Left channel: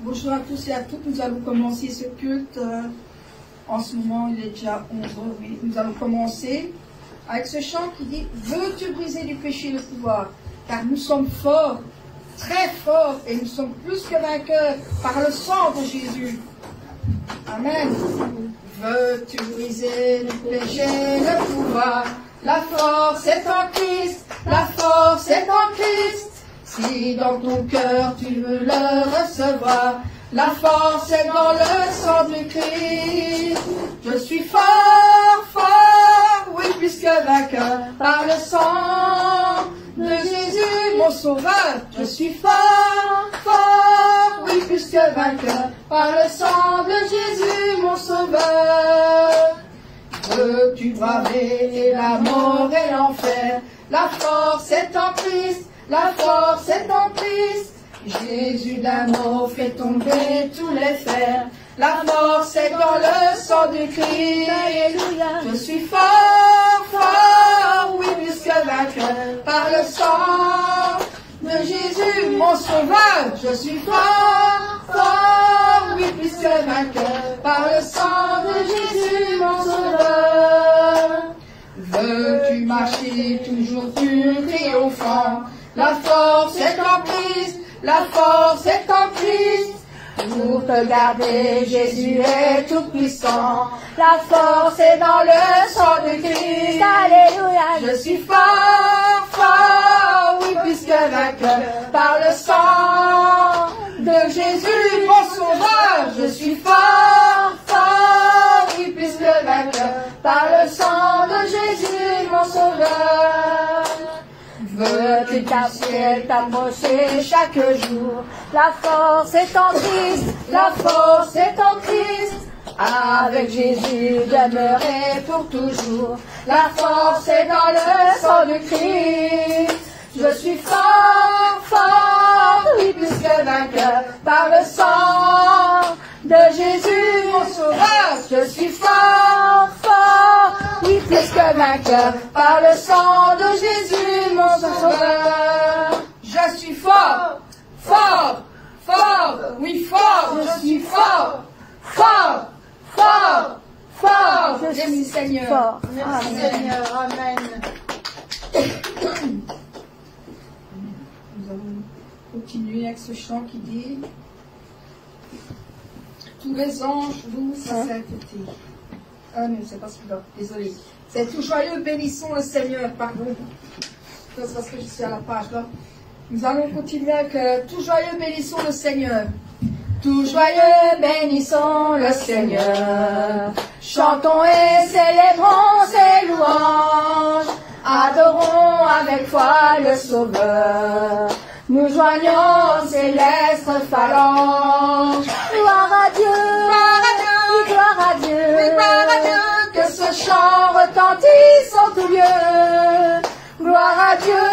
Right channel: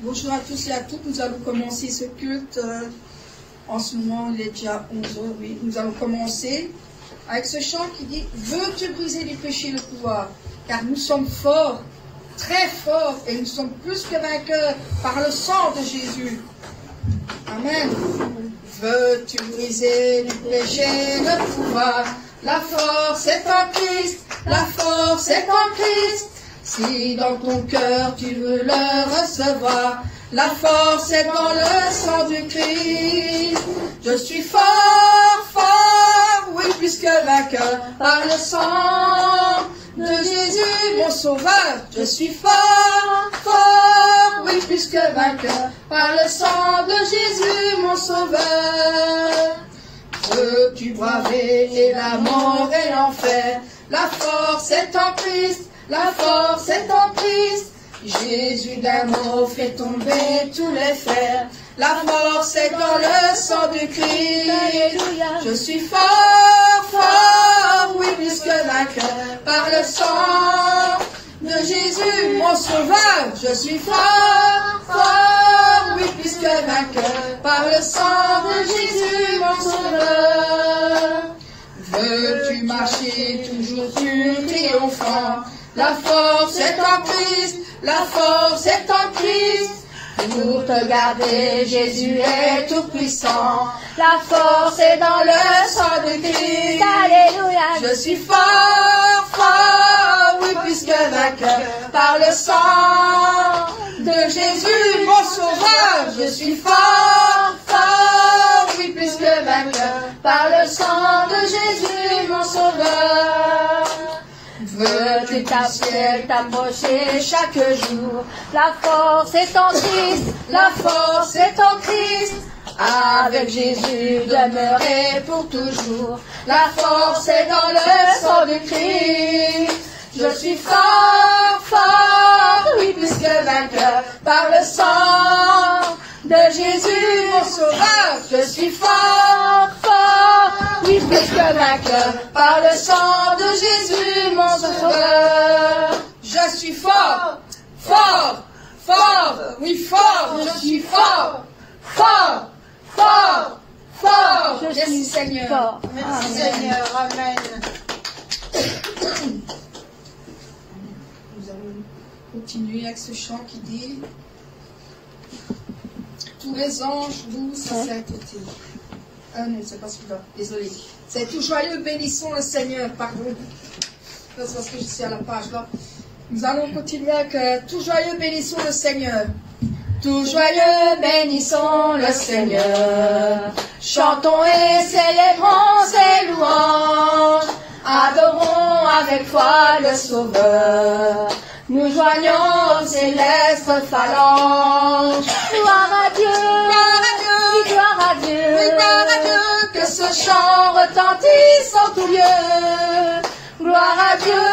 Bonjour à tous et à toutes. Nous allons commencer ce culte. En ce moment, il est déjà 11 h. Oui. Nous allons commencer avec ce chant qui dit « Veux-tu briser du péché le pouvoir ?» Car nous sommes forts, très forts, et nous sommes plus que vainqueurs par le sang de Jésus. Amen. Veux-tu briser du péché le pouvoir? La force est en Christ, la force est en Christ. Si dans ton cœur tu veux le recevoir, la force est dans le sang du Christ. Je suis fort, fort, oui, plus que vainqueur, par le sang de Jésus, mon sauveur. Je suis fort, fort, oui, plus que vainqueur, par le sang de Jésus, mon sauveur. Veux-tu braver la mort et l'enfer? La force est en Christ, la force est en Christ. Jésus d'amour fait tomber tous les fers. La force est dans le sang du Christ. Alléluia. Je suis fort, fort, oui, plus que vainqueur, par le sang de Jésus, mon sauveur. Je suis fort, fort, oui, plus que vainqueur, par le sang de Jésus, mon sauveur. Veux-tu marcher toujours plus triomphant? La force est en Christ, la force est en Christ. Pour te garder, Jésus est tout puissant. La force est dans le sang de Christ. Alléluia. Je suis fort, fort, oui, plus que vainqueur, par le sang de Jésus, mon sauveur. Je suis fort, fort, oui, plus que vainqueur, par le sang de Jésus, mon sauveur. Veux-tu t'approcher chaque jour? La force est en Christ, la force est en Christ. Avec Jésus demeurer pour toujours. La force est dans le sang du Christ. Je suis fort, fort, oui, plus que vainqueur, par le sang de Jésus, mon sauveur. Je suis fort, fort, oui, plus que vainqueur, par le sang de Jésus, mon sauveur. Je suis fort, fort, fort, oui, fort, je suis fort, fort, fort, fort. Merci Seigneur. Fort. Merci Seigneur, amen. Nous allons continuer avec ce chant qui dit « Tous les anges louent sa sainteté ». Ah non, c'est pas celui-là, désolé. C'est « Tout joyeux bénissons le Seigneur », pardon. C'est parce que je suis à la page là. Nous allons continuer avec « Tout joyeux bénissons le Seigneur ». Tout joyeux bénissons le Seigneur, chantons et célébrons ses louanges, adorons avec foi le Sauveur, nous joignons aux célestes phalanges. Gloire à Dieu, oui, gloire à Dieu, oui, gloire à Dieu, que ce chant retentisse en tout lieu. Gloire à Dieu,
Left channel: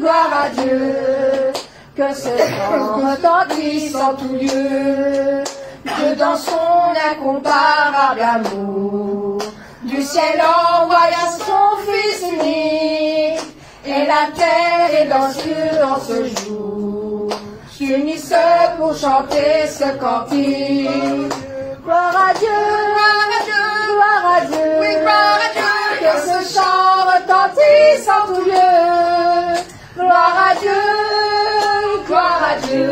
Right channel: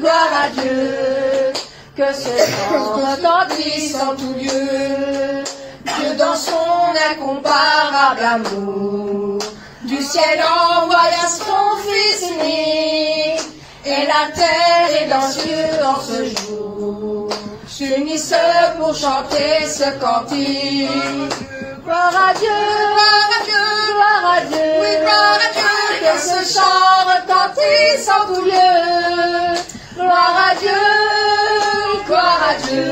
gloire à Dieu, que ce chant retentisse en tout lieu. Dieu dans son incomparable amour, du ciel envoya son Fils unique, et la terre et dans cieux en ce jour s'unissent pour chanter ce cantique. Gloire à Dieu, gloire à Dieu, gloire à Dieu, oui, gloire à Dieu, que ce chant retentisse en tout lieu. Gloire à Dieu, gloire à Dieu,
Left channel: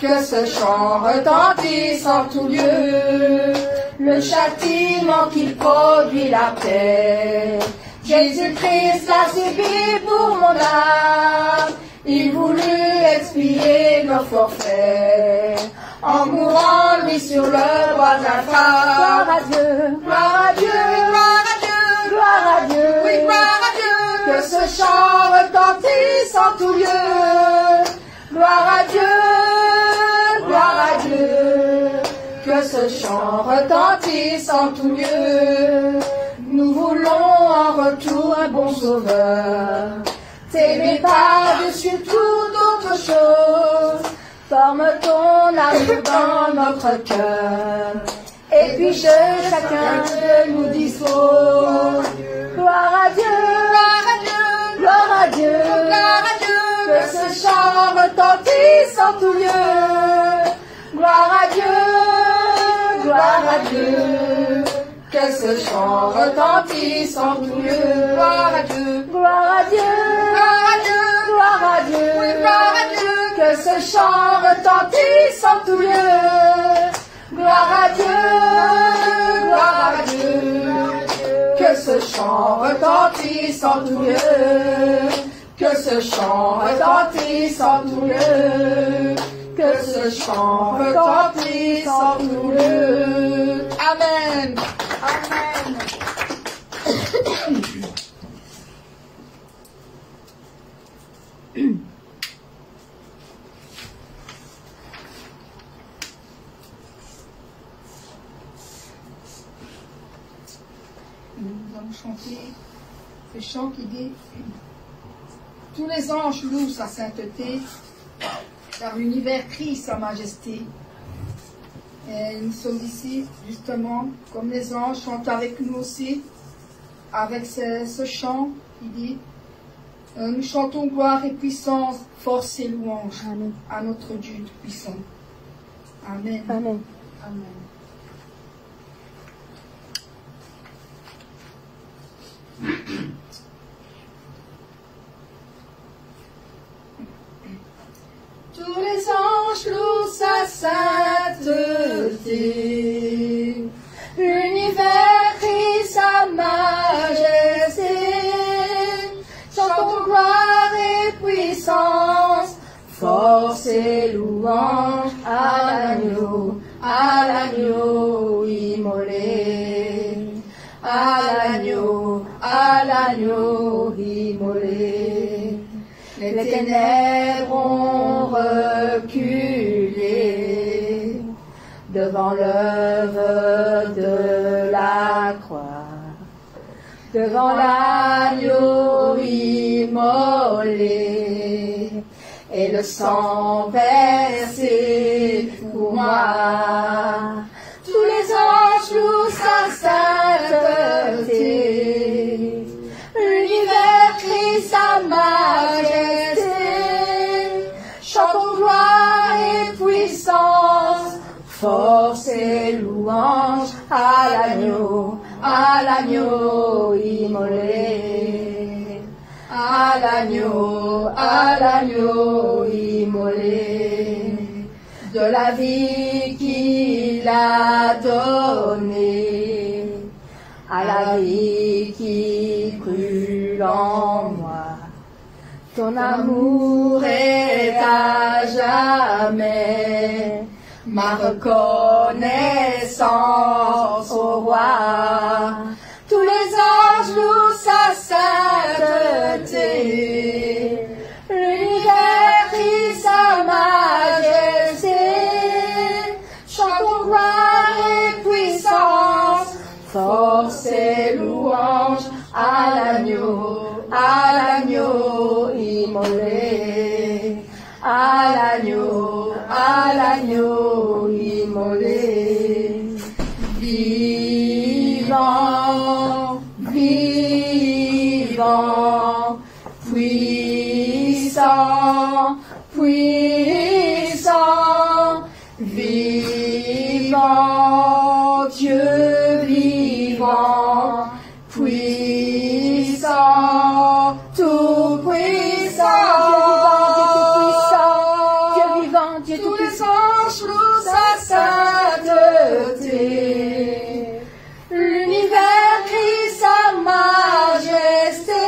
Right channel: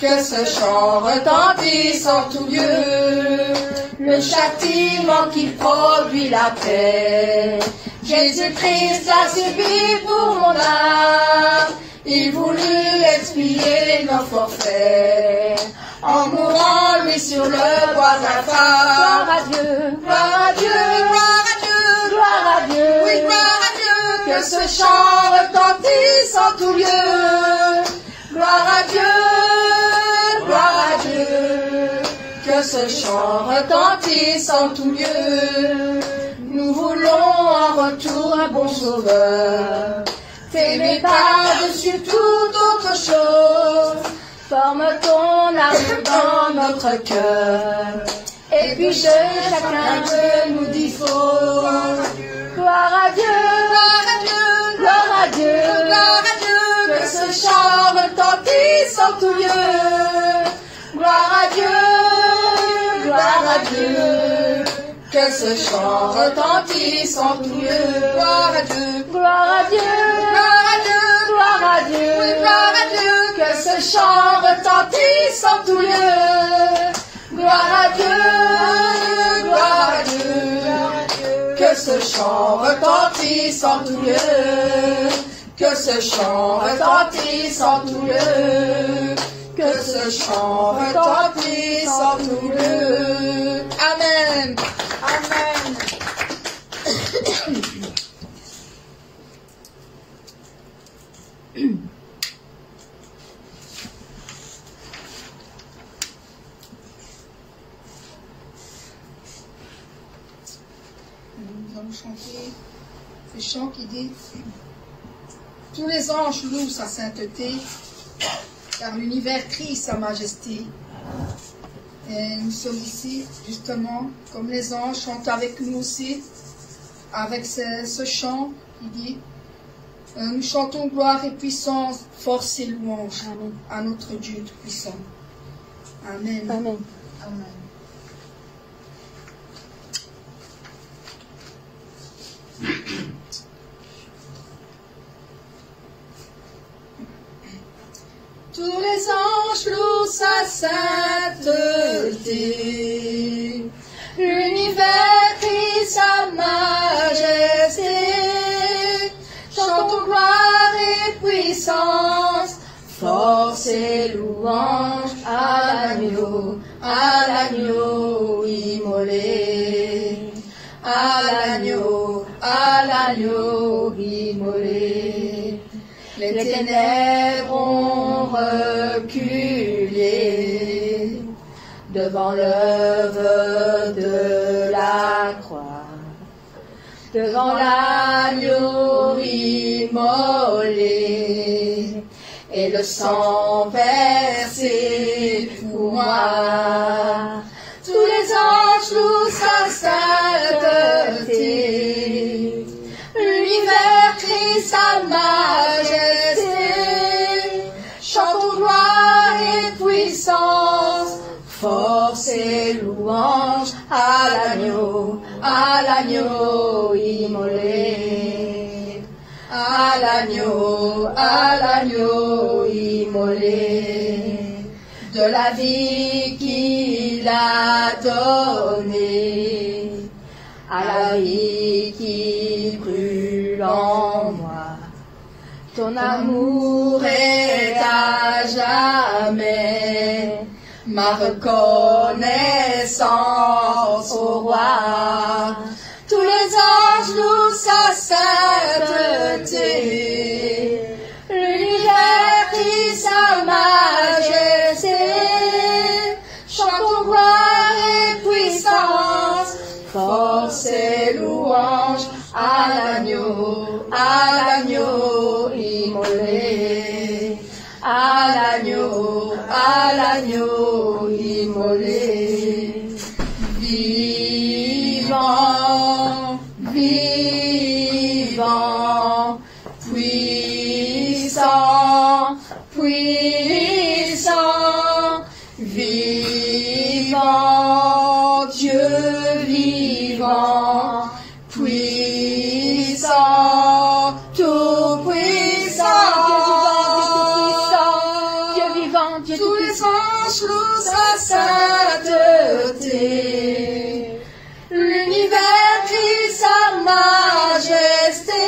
que ce chant retentisse en tout lieu. Le châtiment qui produit la paix, Jésus-Christ l'a subi pour mon âme. Il voulut expier nos forfaits, en mourant lui sur le bois d'Alpha. Gloire à Dieu, gloire à Dieu, oui, gloire à Dieu, gloire à Dieu, oui, gloire à Dieu, que ce chant retentisse en tout lieu. Gloire à Dieu, gloire à Dieu, que ce chant retentisse en tout lieu. Nous voulons en retour un bon sauveur, t'aimer par-dessus toute autre chose. Forme ton amour dans notre cœur, et puis chacun que nous dispose. Gloire à Dieu, gloire à Dieu, gloire à Dieu, gloire à Dieu, que ce chant retentisse en tout lieu. gloire à Dieu. Que ce chant retentisse en tout lieu. Gloire à Dieu, Gloire à Dieu, gloire à Dieu, gloire à Dieu, gloire à Dieu. que ce chant retentisse en tout lieu. Gloire à Dieu, Gloire à Dieu, que ce chant retentisse en tout lieu, que ce chant retentisse en tout lieu, que ce chant retentisse en tout lieu. Amen. Amen. Nous allons chanter ce chant qui dit « Tous les anges louent sa sainteté, car l'univers crie sa majesté. » Et nous sommes ici, justement, comme les anges chantent avec nous aussi, avec ce chant qui dit « Nous chantons gloire et puissance, force et louange Amen. à notre Dieu puissant. » Amen. Amen. Amen. Tous les anges louent sa sainteté, l'univers crie sa majesté, chantons gloire et puissance, force et louange à l'agneau immolé, à l'agneau immolé. Les ténèbres ont reculé devant l'œuvre de la croix, devant l'agneau immolé et le sang versé pour moi. Tous les anges louent sa sainteté, l'univers crie sa majesté, chantons gloire et puissance, force et louange à l'agneau immolé, à l'agneau immolé, de la vie qu'il a donnée, à la vie qui brûle en moi. Ton amour est à jamais ma reconnaissance au roi. Tous les anges louent sa sainteté, l'univers crie sa majesté, chantons gloire et puissance, force et louange à l'agneau immolé, à l'agneau immolé. Vivant, vivant, puissant, puissant, vivant, Dieu vivant, puissant, tout puissant, Dieu vivant, Dieu tous tout les puissant. anges louent sa sainteté, l'univers crie sa majesté,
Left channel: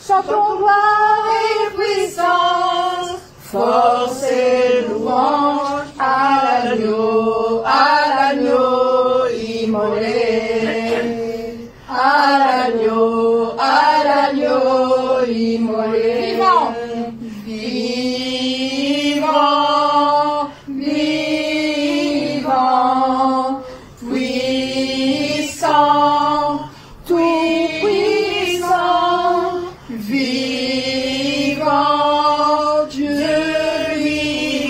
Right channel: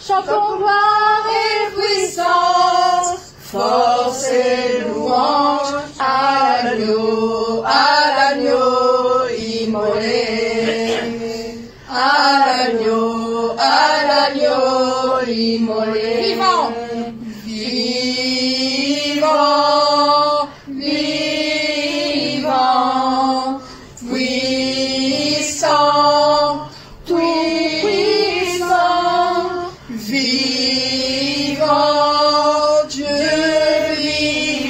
chantons gloire et puissance, force et louange à l'agneau immolé, à l'agneau immolé. Vivant, vivant, vivant, puissant, tout puissant, vivant, Dieu vivant.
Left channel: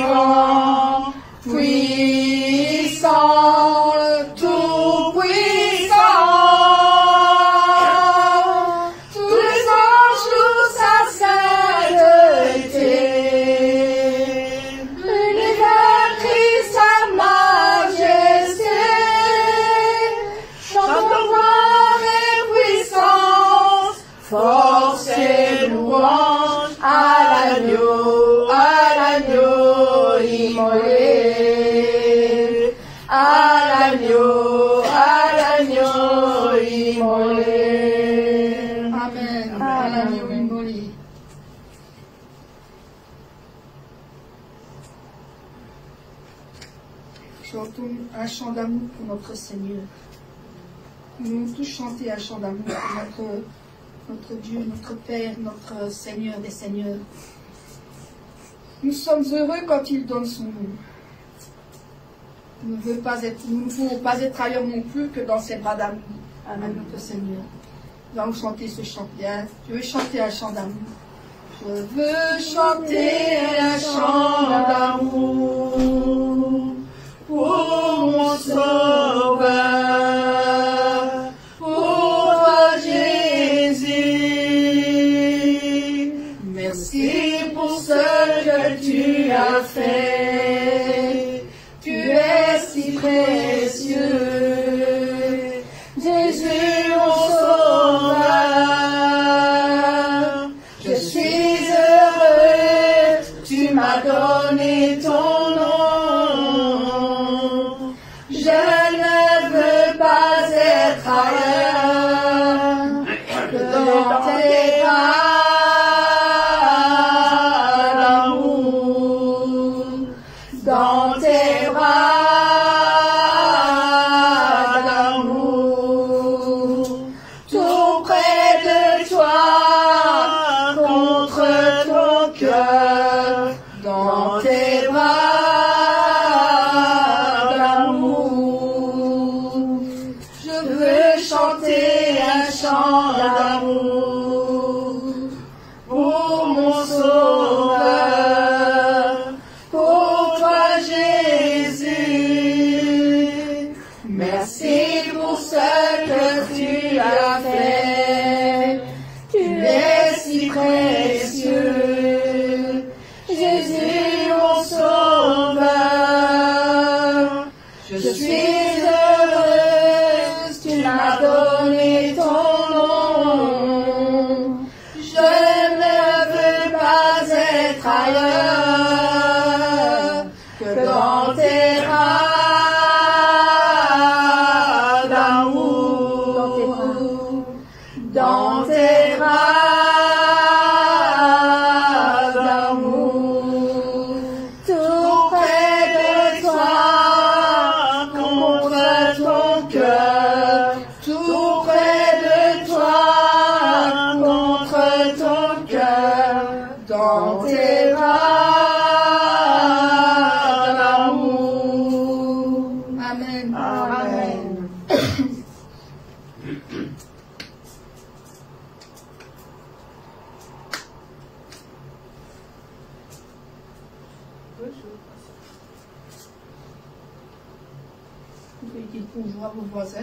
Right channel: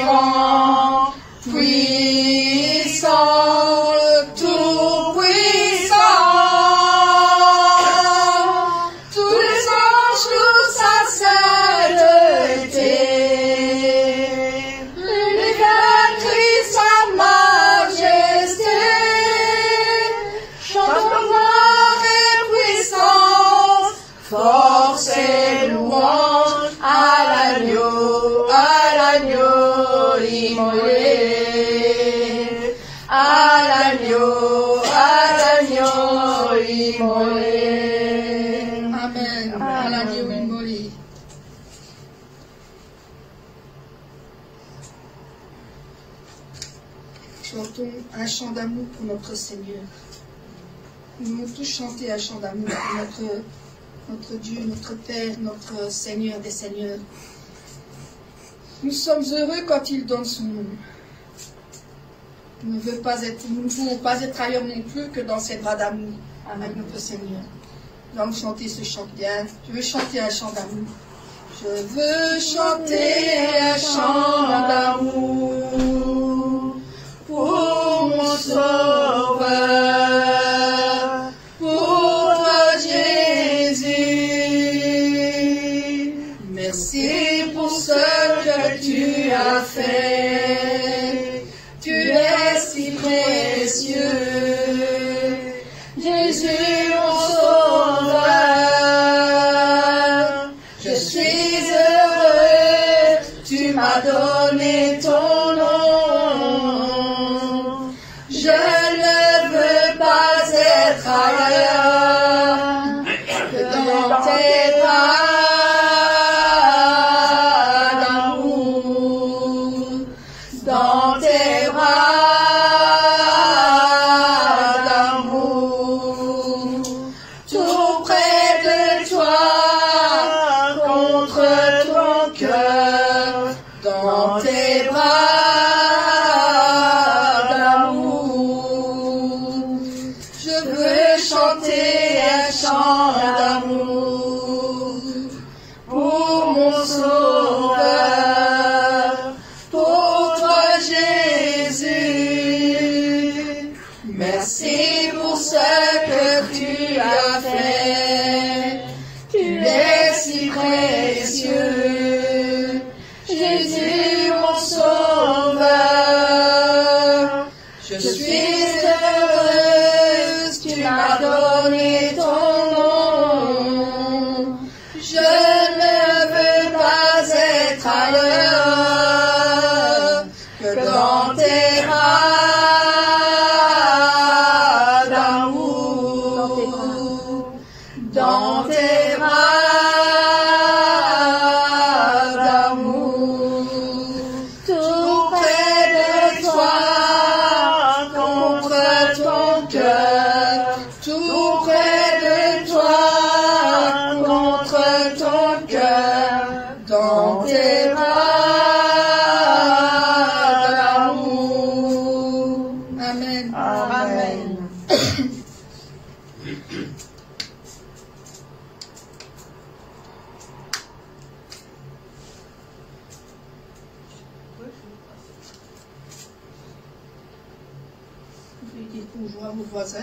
chantons un chant d'amour pour notre Seigneur. Nous voulons tous chanter un chant d'amour pour notre Dieu, notre Père, notre Seigneur des Seigneurs. Nous sommes heureux quand il donne son nom. Nous ne pouvons pas être ailleurs non plus que dans ses bras d'amour avec notre Seigneur. Nous allons chanter ce chant bien. Je veux chanter un chant d'amour. Je veux chanter un chant d'amour pour mon Sauveur, pour toi Jésus. Merci pour ce que tu as fait. Tu es si précieux. Jésus mon Sauveur, je suis heureux, tu m'as donné ton nom. Je ne veux pas être ailleurs que dans tes bras d'amour, dans tes bras.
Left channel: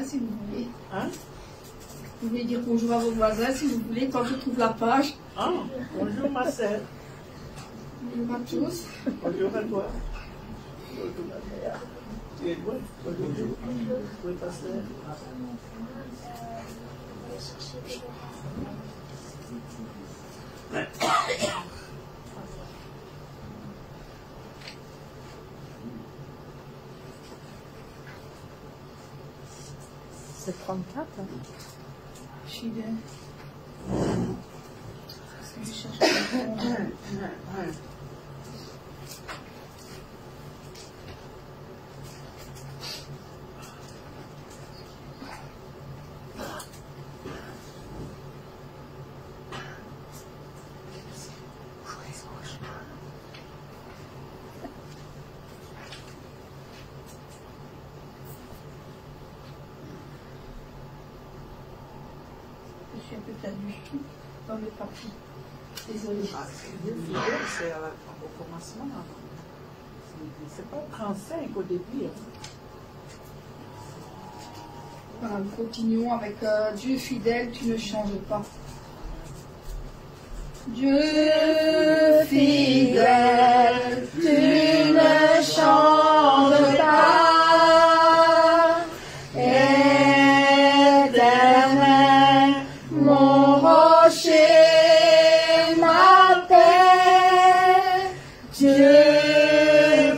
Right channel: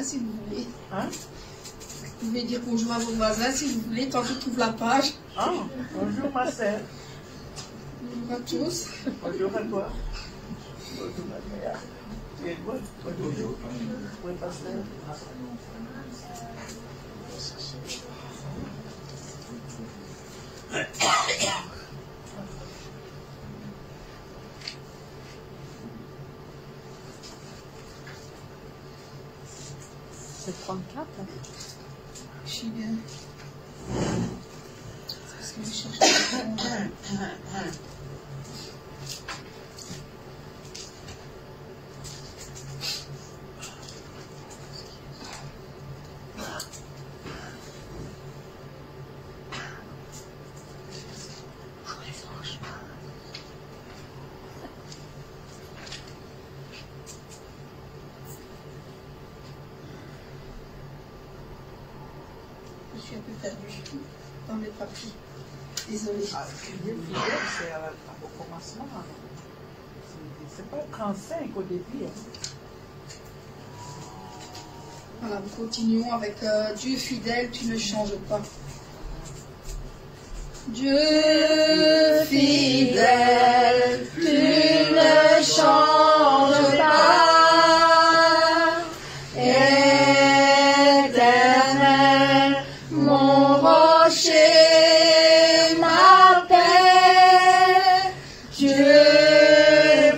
Si vous voulez. Hein? Vous pouvez dire bonjour à vos voisins si vous voulez, tant qu'ils trouvent la page. Ah, bonjour ma sœur. Bonjour à tous. Bonjour à toi. Bonjour ma mère. Tu es bonne? Bonjour. Oui, pasteur. C'est 34. Hein. Je suis bien. Parce que je cherche. Je suis un peu perdue dans les papiers. Désolée. Ah, Dieu fidèle, c'est au commencement. C'est pas 35 au début. Voilà, nous continuons avec Dieu fidèle, tu ne changes pas. Dieu fidèle, tu ne changes pas. Éternel, mon rocher, ma paix, Dieu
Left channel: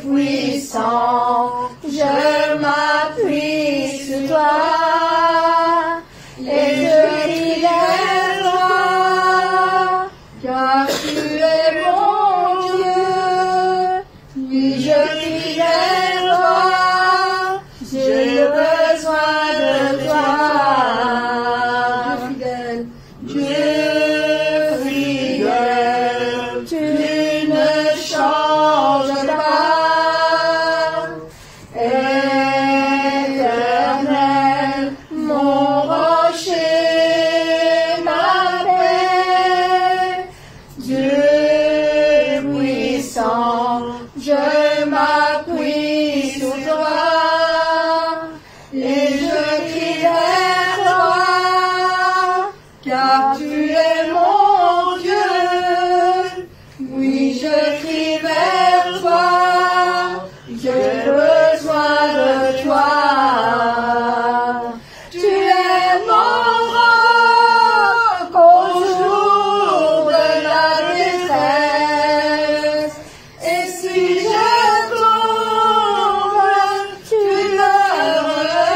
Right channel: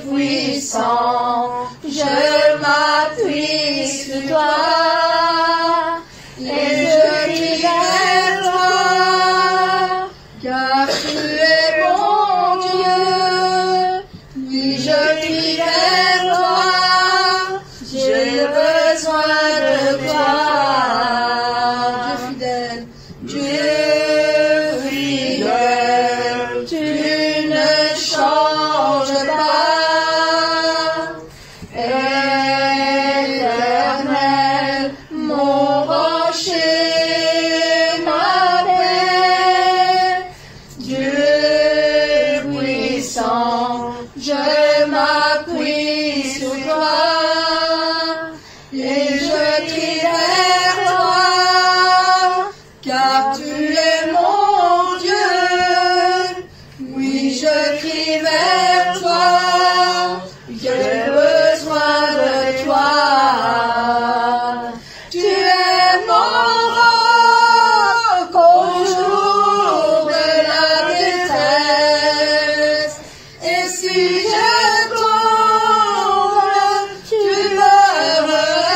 puissant, je m'appuie sur toi. Et je crie vers toi, car tu es mon Dieu. Oui, m'appuie sur toi. Et je crie vers toi, car tu es mon Dieu. Oui, je crie vers toi, j'ai besoin de toi. Tu es mon roc au jour de la détresse. Et si je tombe, tu me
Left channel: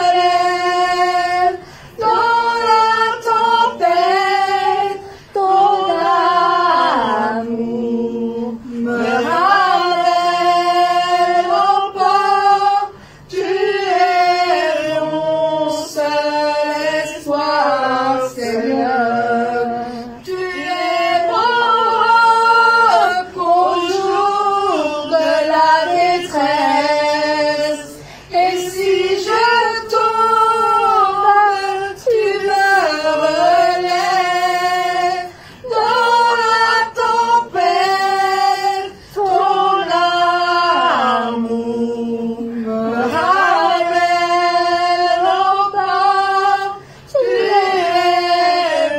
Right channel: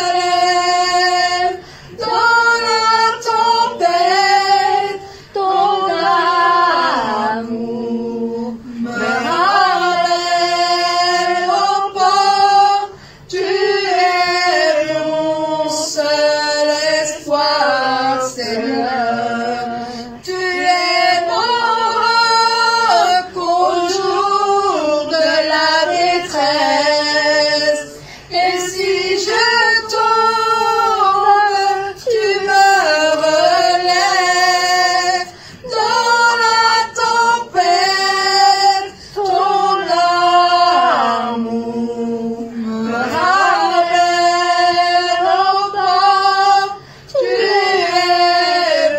relèves. Dans la tempête, ton amour me ramène au port. Tu es mon seul espoir, Seigneur. Tu es mon roc au jour de la détresse. Et si je tombe, tu me relèves. Dans la tempête, ton amour me ramène au bord. Tu es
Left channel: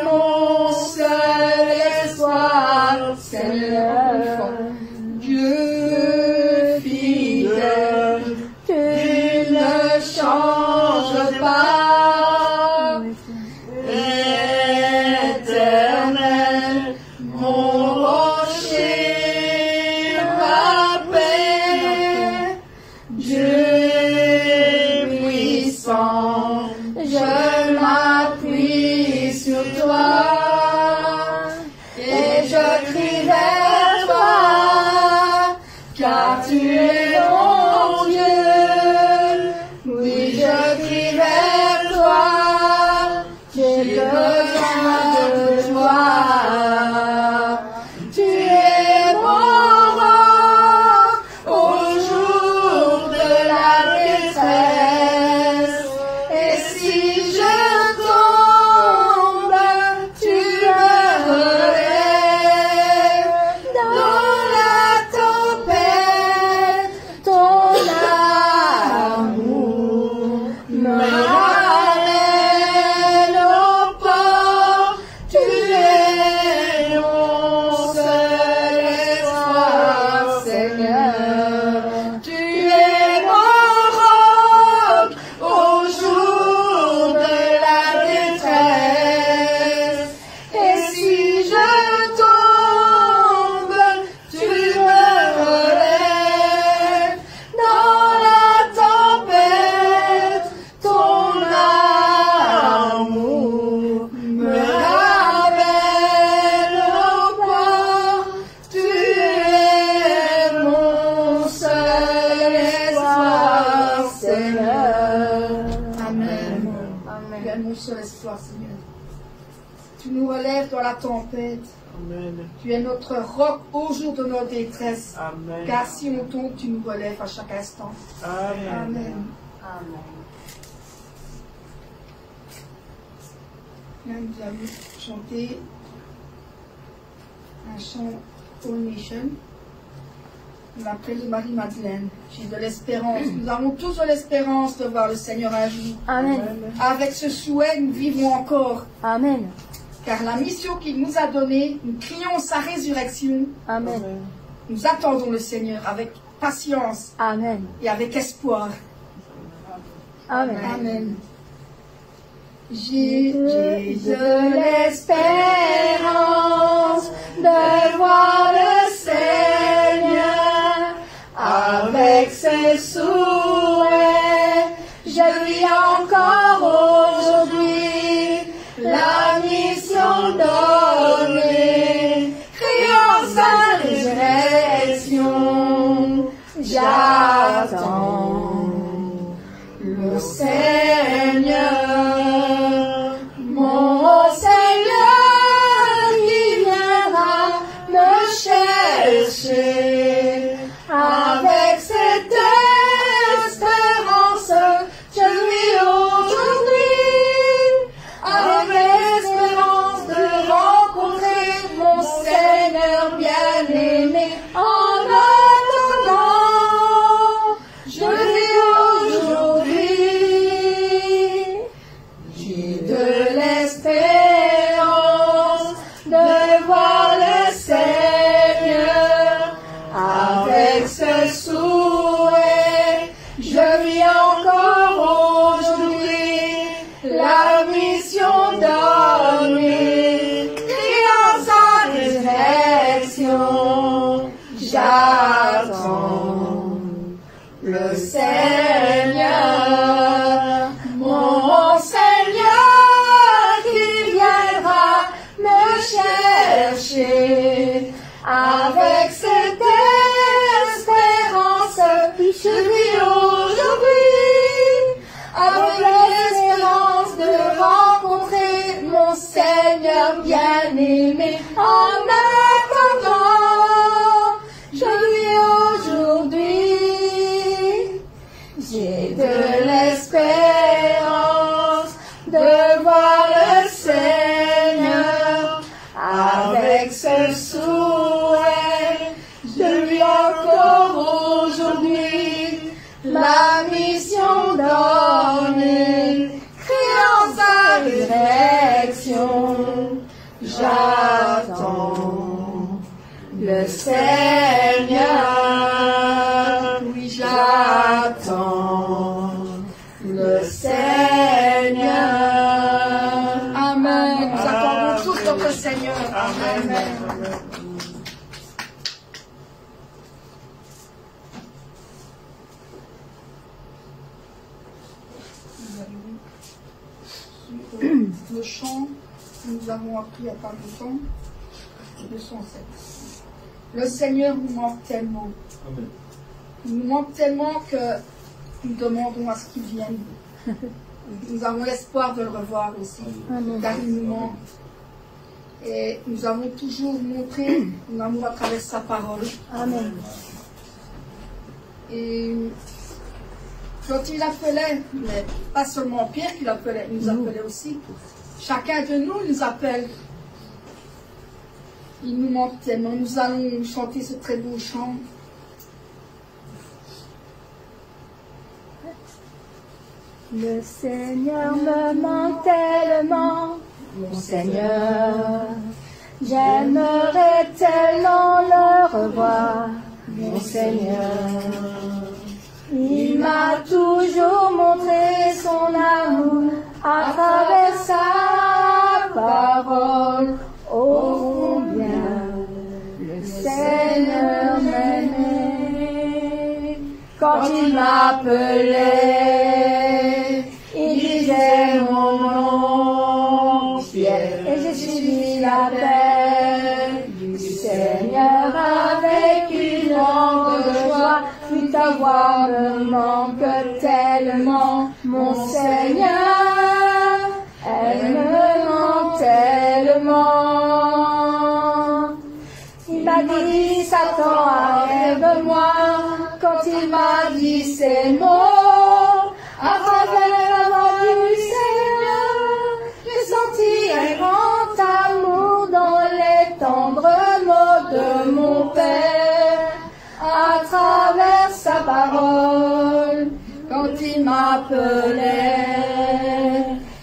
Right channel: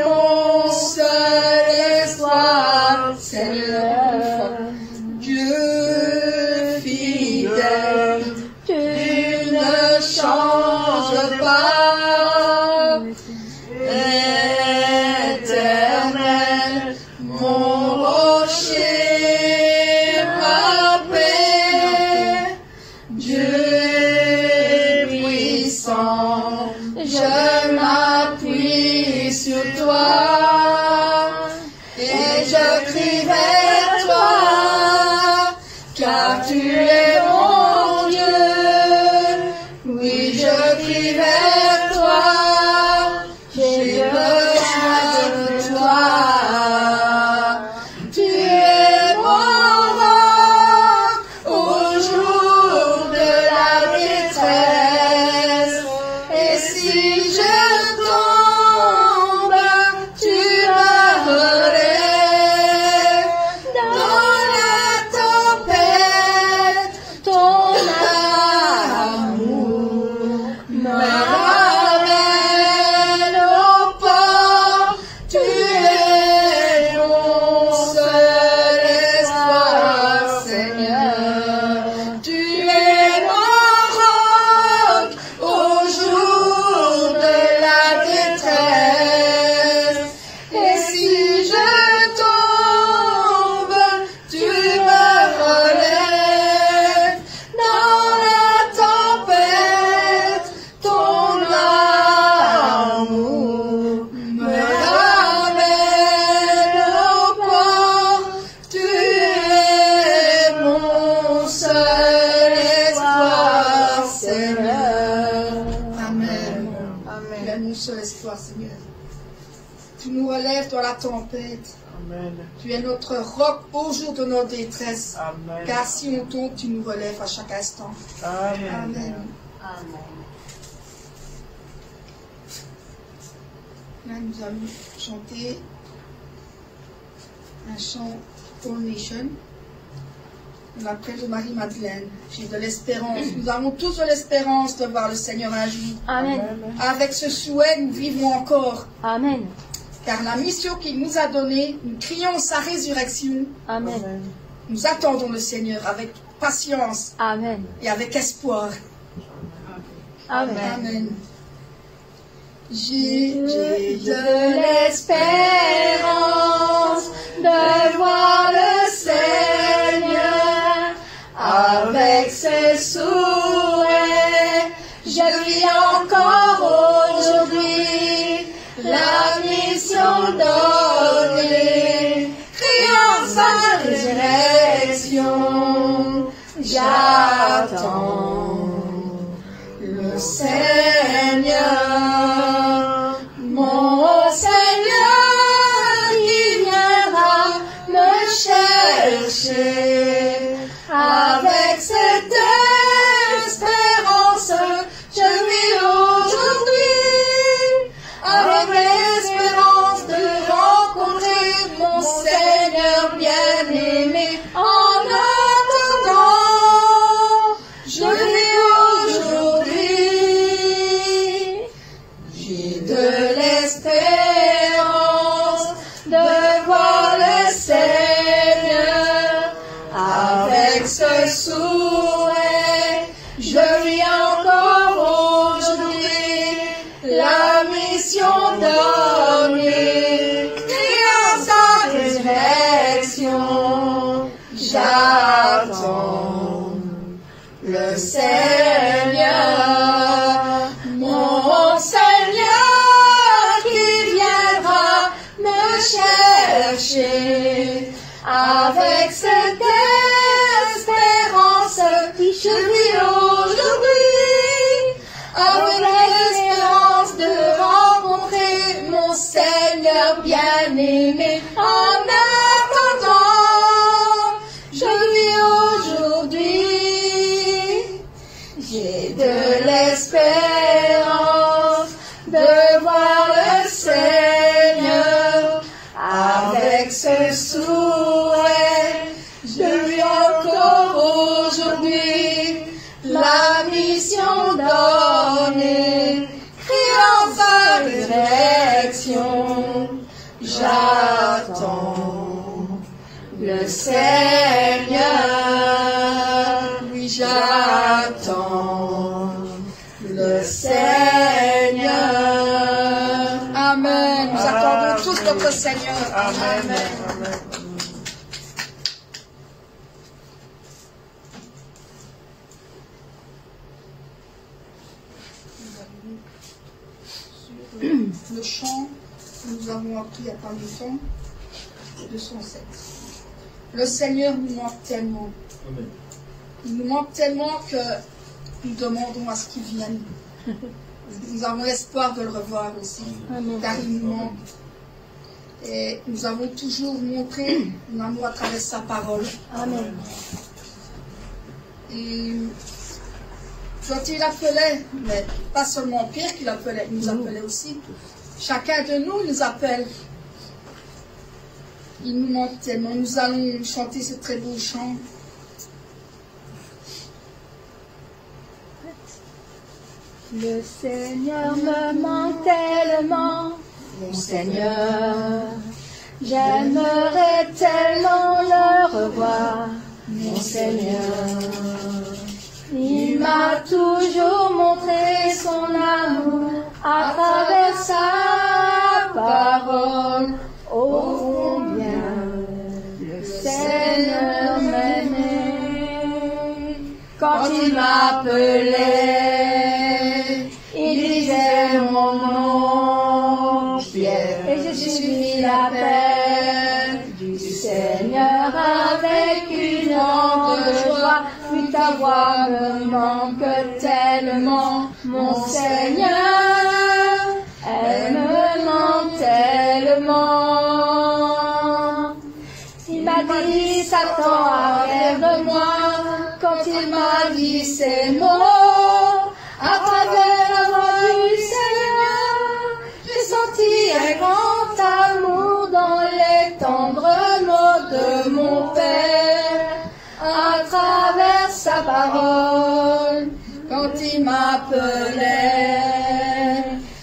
mon seul espoir, Seigneur. Dieu fidèle, tu ne changes pas. Éternel, mon rocher, ma paix. Dieu puissant, je m'appuie sur toi. Et je crie vers toi, car tu es mon Dieu. Oui, je crie vers toi, j'ai besoin de toi. Tu es mon roc au jour de la détresse. Et si je tombe, tu me relèves. Dans la tempête, ton amour me ramène au port. Tu es mon seul espoir, Seigneur. Tu es mon roc au jour de la détresse. Et si je tombe, tu me relèves. Dans la tempête, ton amour me ramène au port. Tu es mon seul espoir, Seigneur. Amen. Amen. Tu es mon seul espoir, Seigneur. Tu nous relèves dans la tempête. Amen. Tu es notre roc au jour de notre détresse. Amen. Car si on tombe, tu nous relèves à chaque instant. Amen. Amen. Là, nous allons chanter un chant All Nation. On l'appelle de Marie-Madeleine. J'ai de l'espérance. Nous avons tous de l'espérance de voir le Seigneur agir. Amen. Avec ce souhait, nous vivons encore. Amen. Car la mission qu'il nous a donnée, nous crions sa résurrection. Amen. Nous attendons le Seigneur avec patience Amen. et avec espoir. Amen. Amen. J'ai de l'espérance de voir le Seigneur avec ses souhaits. Je vis encore aujourd'hui la mission donnée, criant sa résurrection. J'attends le Seigneur, mon Seigneur qui viendra me chercher. Avec cette espérance, je vis aujourd'hui, avec l'espérance de rencontrer mon Seigneur bien-aimé. En attendant, seul souhait, je vis encore aujourd'hui la mission donnée, dans sa résurrection, j'attends le Seigneur, mon Seigneur qui viendra me chercher avec cette espérance qui je vis aujourd'hui, avec l'espérance de rencontrer mon Seigneur bien-aimé. En attendant, je vis aujourd'hui, j'ai de l'espérance de voir le Seigneur avec ce souhait. Je vis encore aujourd'hui la mission donnée, criant sa résurrection. J'attends le Seigneur, oui j'attends le Seigneur. Amen. Nous attendons tous notre Seigneur. Amen. Amen. Le chant que nous avons appris il n'y a pas longtemps, 207. Le Seigneur nous manque tellement. Amen. Il nous manque tellement que nous demandons à ce qu'il vienne. Nous avons espoir de le revoir aussi, car il nous manque. Et nous avons toujours montré son amour à travers sa parole. Amen. Et quand il appelait, mais pas seulement Pierre qui l'appelait, il nous appelait aussi. Chacun de nous nous appelle. Il nous manque tellement. Nous allons chanter ce très beau chant. Le Seigneur me manque tellement, mon Seigneur. J'aimerais tellement le revoir, mon Seigneur. Il m'a toujours montré son amour à travers sa parole. Oh, combien le Seigneur m'aimait. Quand il m'appelait, il disait mon nom, Pierre, et j'ai suivi l'appel du Seigneur avec une grande joie. Oui, ta voix me manque tellement, mon Seigneur, elle me manque tellement. Il m'a dit, Satan, arrête de moi, quand il m'a dit ces mots, à travers la voix du Seigneur, j'ai senti un grand amour dans les tendres mots de mon Père, à travers sa parole. Quand il m'appelait,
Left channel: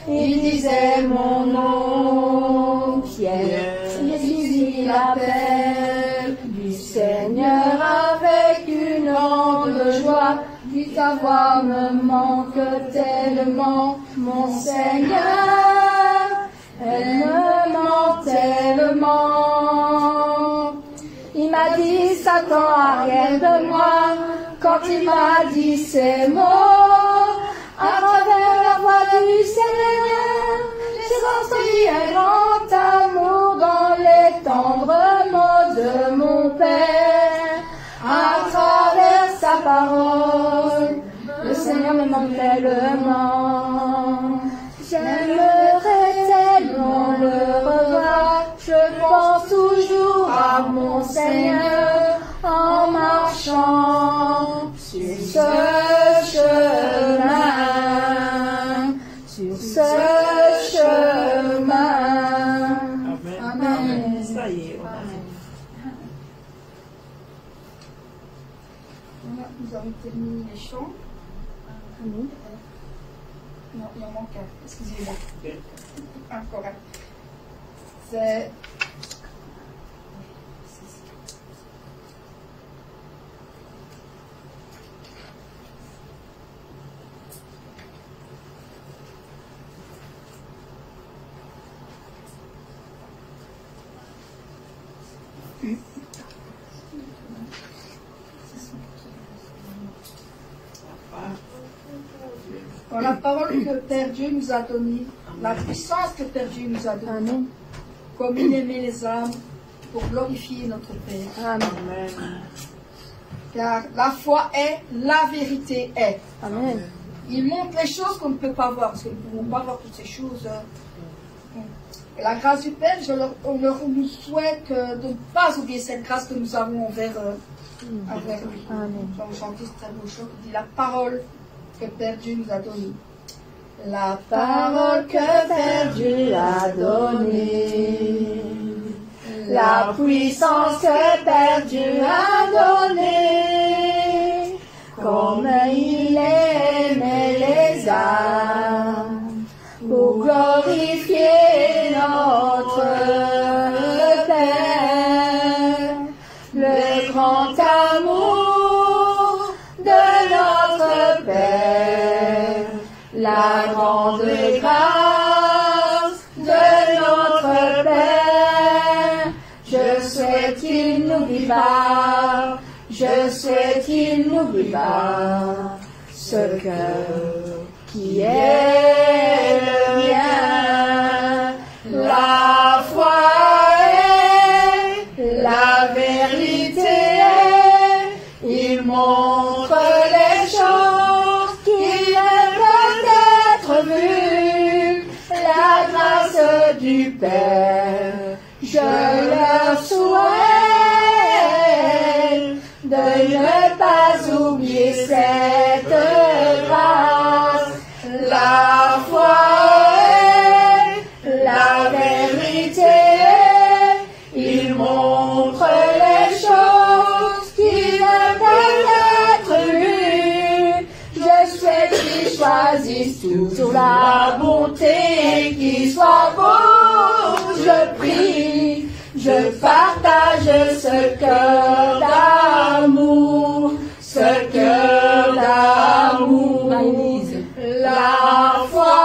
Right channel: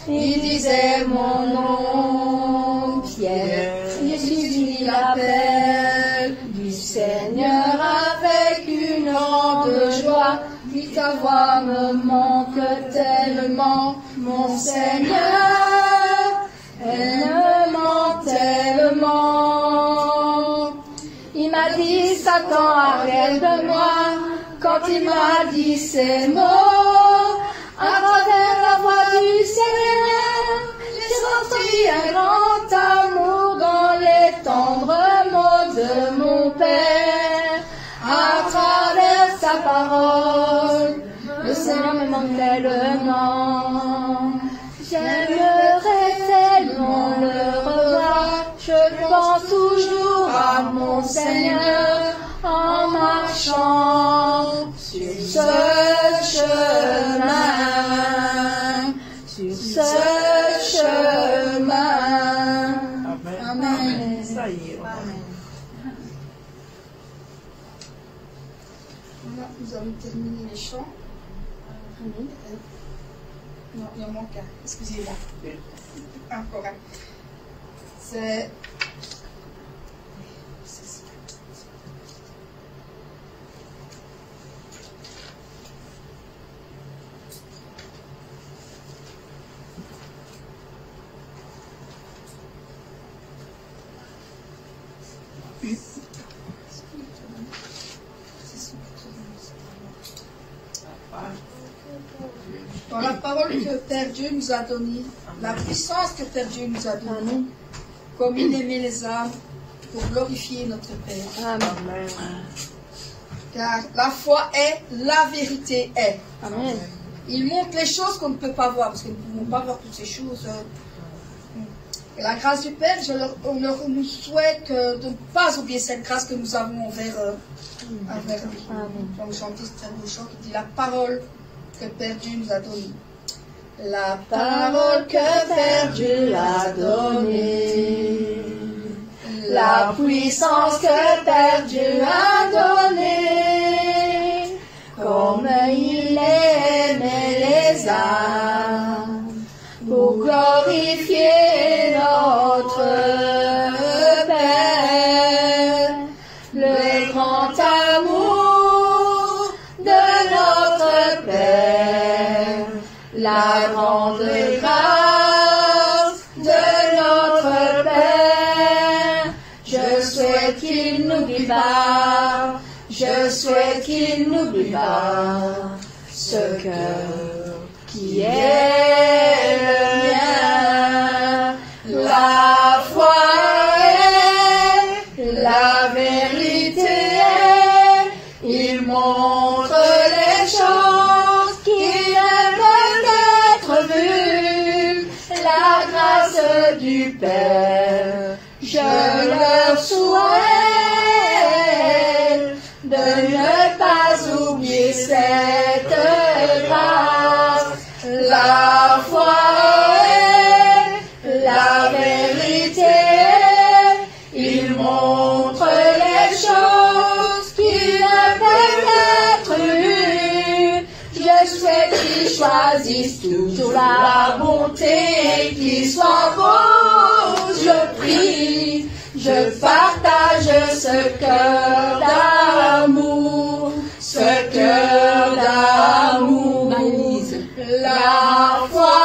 il disait mon nom, Pierre. J'ai suivi l'appel du Seigneur avec une grande joie. Puis ta voix me manque tellement, mon Seigneur, elle me manque tellement. Il m'a dit, Satan, arrête de moi, quand il m'a dit ces mots, à travers la voix du Seigneur, j'ai senti un grand amour dans les tendres mots de mon Père, à travers sa parole. Le Seigneur me manque tellement, j'aimerais tellement le revoir. Je pense toujours à mon Seigneur en marchant sur ce chemin, sur ce chemin. Amen. Amen. Ça y est. Voilà, nous avons terminé les chants. Amen. Non, il en manque un. Excusez-moi. Encore un. C'est... que Père Dieu nous a donné, la puissance que Père Dieu nous a donnée, Amen. comme il aimait les âmes, pour glorifier notre Père. Amen. Car la foi est, la vérité est. Amen. Il montre les choses qu'on ne peut pas voir, parce que nous ne pouvons pas voir toutes ces choses. Et la grâce du Père, on nous souhaite de ne pas oublier cette grâce que nous avons envers lui. Amen. Comme chanter ce très beau chant qui dit la parole que Père Dieu nous a donnée. La Parole que Père Dieu a donnée, la puissance que Père Dieu a donnée, comme il aimait les âmes, pour glorifier notre Père, le grand amour de notre Père, la grande grâce de notre Père. Je souhaite qu'il n'oublie pas, je souhaite qu'il n'oublie pas ce cœur qui est le mien. La foi est, la vérité est, il montre les choses qui ne peuvent être vues, la grâce du Père. Je leur souhaite de ne pas oublier cette grâce. La foi est, la vérité est, il montre les choses qui ne peuvent être vues. Je souhaite qu'ils choisissent toujours la bonté, qu'ils soient beaux. Je prie, je partage ce cœur d'amour, ce cœur d'amour. La foi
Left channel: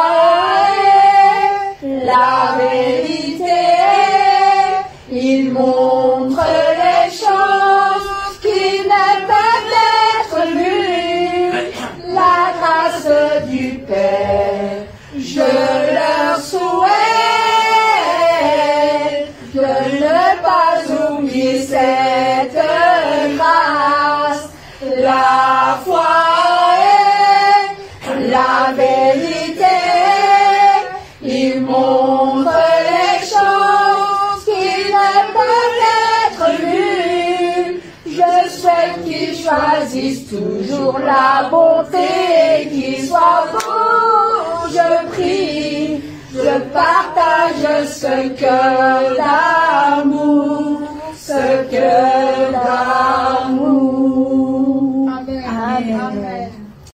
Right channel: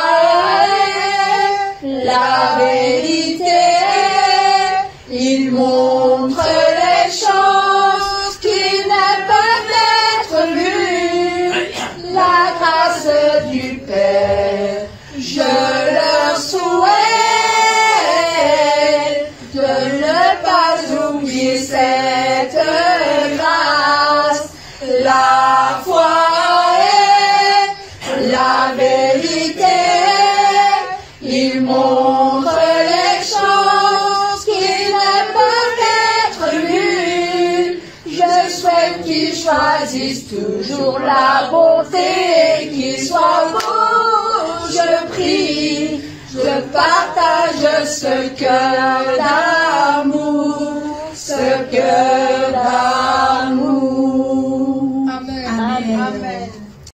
est, la vérité est, il montre les choses qui ne peuvent être vues, la grâce du Père. Je leur souhaite de ne pas oublier cette grâce. La foi est, la vérité est, il montre les choses qui ne peuvent être vues. Je souhaite qu'ils choisissent toujours la bonté, qu'ils soient beaux. Je prie, je partage ce cœur d'amour, ce cœur